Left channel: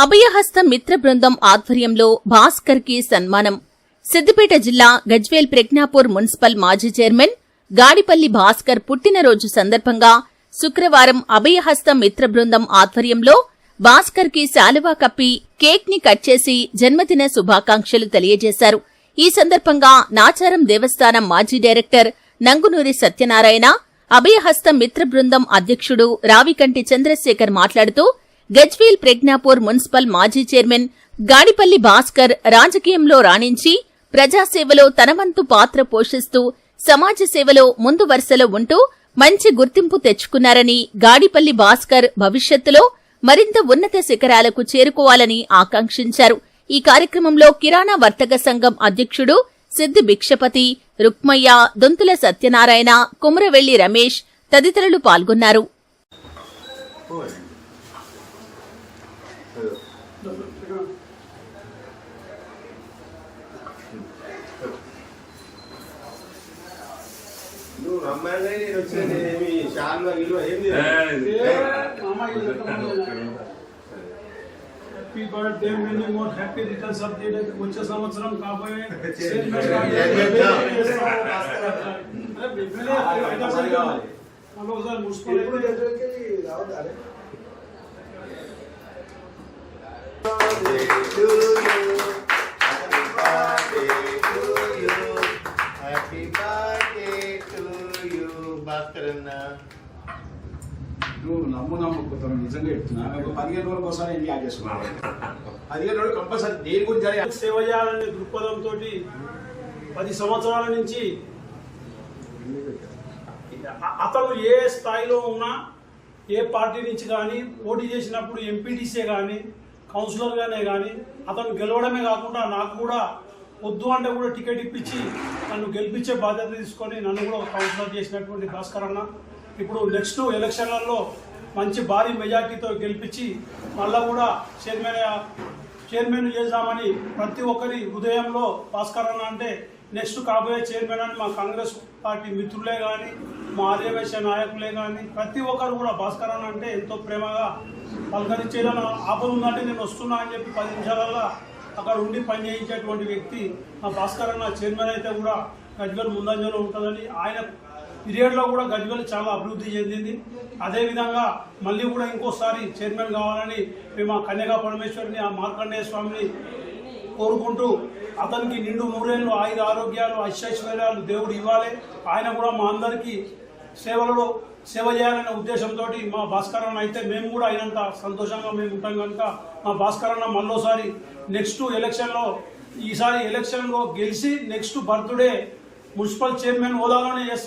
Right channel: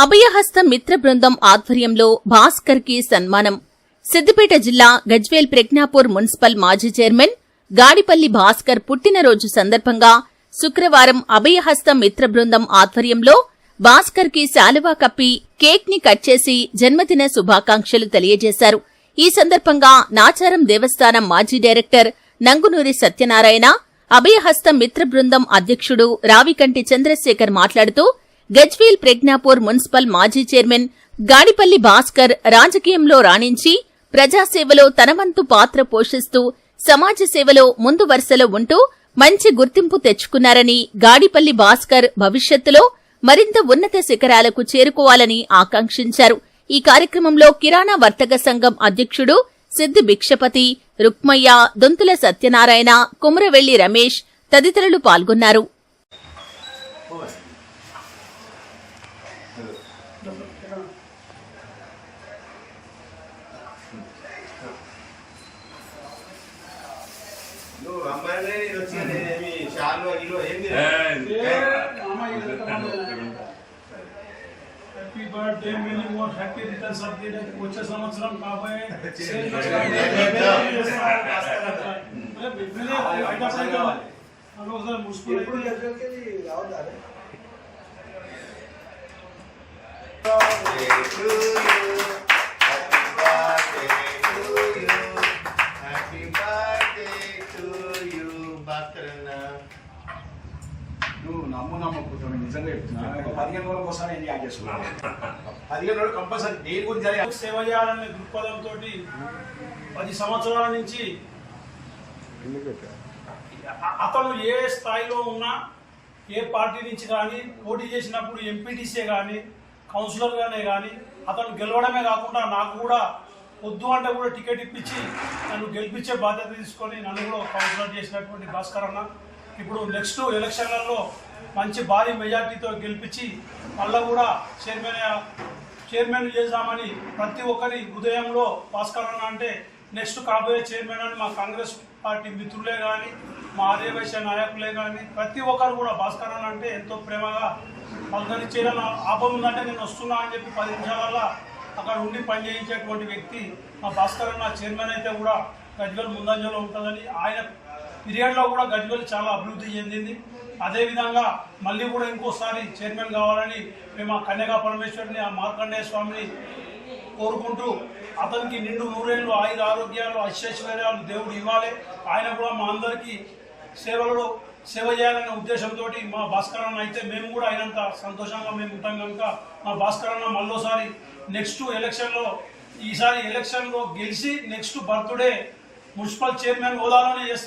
అభయహస్త మిత్ర బృందం ఆధ్వర్యంలో భాస్కర్కి సన్మానం. సిద్దిపేట జిల్లా గజ్వేల్ ప్రజ్ఞాపూర్ మున్సిపల్ మాజీ చైర్మన్ గాడిపల్లి భాస్కర్ పుట్టినరోజు సందర్భంగా శుక్రవారం అభయహస్త మిత్ర బృందం ఆధ్వర్యంలో భాస్కర్కి శాలువా కప్పి కేక్ని కట్ చేసి జన్మదిన శుభాకాంక్షలు తెలియజేశారు. ఈ సందర్భంగా నాచారం దేవస్థానం మాజీ డైరెక్టర్ నంగునూరి సత్యనారాయణ అభయహస్త మిత్ర బృందం అధ్యక్షుడు రావికంటి చంద్రశేఖర్ మాట్లాడుతూ గజ్వేల్ ప్రజ్ఞాపూర్ మున్సిపల్ మాజీ చైర్మన్ గాడిపల్లి భాస్కర్ రాజకీయంలో రాణించి ప్రజాసేవలో తనవంతు పాత్ర పోషిస్తూ సమాజ సేవలో ముందు వరుసలో ఉంటూ మంచి గుర్తింపు తెచ్చుకున్నారని గాడిపల్లి భాస్కర్ భవిష్యత్తులో మరింత ఉన్నత శిఖరాలకు చేరుకోవాలని ఆకాంక్షించారు. ఈ కార్యక్రమంలో కిరాణా వర్తక సంఘం అధ్యక్షుడు సిద్ది భిక్షపతి రుక్మయ్య దొంతుల సత్యనారాయణ కుమరవెల్లి రమేష్ తదితరులు పాల్గొన్నారు. నువ్వు రమ్మనే నేను వచ్చాను ఏమి శాలువా గిలువ ఏంది happy birthday many more happy returns of the day వచ్చే సంవత్సరం కాబోయే హలో సార్ మున్సిపల్ హ్యాపీ నువ్వు నమ్ము నమ్మకపోతావు నిజంగా చెప్తున్నా. ఒక పదిహేను రోజులకు ఒకసారి ఏంటి యాడ్ చేసుకున్నావు పదిహేను రోజులు కంపల్సరీ. దేని గురించి జరిగి సేవ చేయాలనే దృక్పథంతో పది సంవత్సరాల నుంచి అతను ఏ స్థాయిలో ఉన్నా ఏ పార్టీ నుంచి కానీ పోటీ చేసినప్పుడు ఎంపీటీసీ కానీ కౌన్సిలర్గానే కానీ అతను గెలవడమే కాకుండా నాకు కూడా వద్దు అంటే కూడా టికెట్ ఇప్పించి నన్ను గెలిపించే బాధ్యత తీసుకొని నన్ను కూడా కౌన్సిలర్ చేసినటువంటి భాస్కర్ అన్న. ఇప్పుడు నెక్స్ట్ ఎలక్షన్లలో మంచి భారీ మెజార్టీతో గెలిపించి మళ్ళా కూడా చైర్మన్ చైర్మన్ చేద్దామని ప్రతి ఒక్కరి హృదయంలో భాస్కర్ అన్న అంటే నెక్స్ట్ కాబోయే చైర్మన్ అని మా కాంగ్రెస్ పార్టీ మిత్రులే కానీ మా ఆర్యవేశ నాయకులే కానీ ప్రతి ఒక్కరు కూడా భాస్కర్ అన్న అంటే ఎంతో ప్రేమగా పలకరించేదని ఆపం ఉందంటే నేను వస్తున్నా అని చెప్పి పది నిమిషాలల్లో అక్కడ ఉండి పనిచేయించేటువంటి వ్యక్తి మా భాస్కర్ అన్న చైర్మన్ అయితే కూడా గజ్వల్ ముందంజలో ఉంటుందని. ఆయన పీరియడ్లో కూడా గజ్వల్ చాలా అభివృద్ధి చెందింది. అదేవిధంగా మళ్ళీ కూడా ఇంకోసారి చైర్మన్ కావాలని మేము ఆ కన్యకా పరమేశ్వరిని ఆ మార్కండేయ స్వామిని కోరుకుంటూ అతనికి నిండు నూరేళ్ళు ఆయుధ ఆరోగ్యాలు ఐశ్వర్యాలు దేవుడు ఇవ్వాలి. ఆయన కూడా మా అందరికీ సేవలలో సేవ చేయాలనే ఉద్దేశంతో మా భాస్కరన్న అయితే మేము కూడా అయినంత సంతోషంగా మేము ఉంటాం కనుక మా భాస్కరన్న మళ్ళోసారి నెక్స్ట్ ఎలక్షన్లో ఈసారి ఎలక్షన్లో గెలిచి నెక్స్ట్ బర్త్డే మున్సిపల్ చైర్మన్ హోదాలోనే చేస్తాం.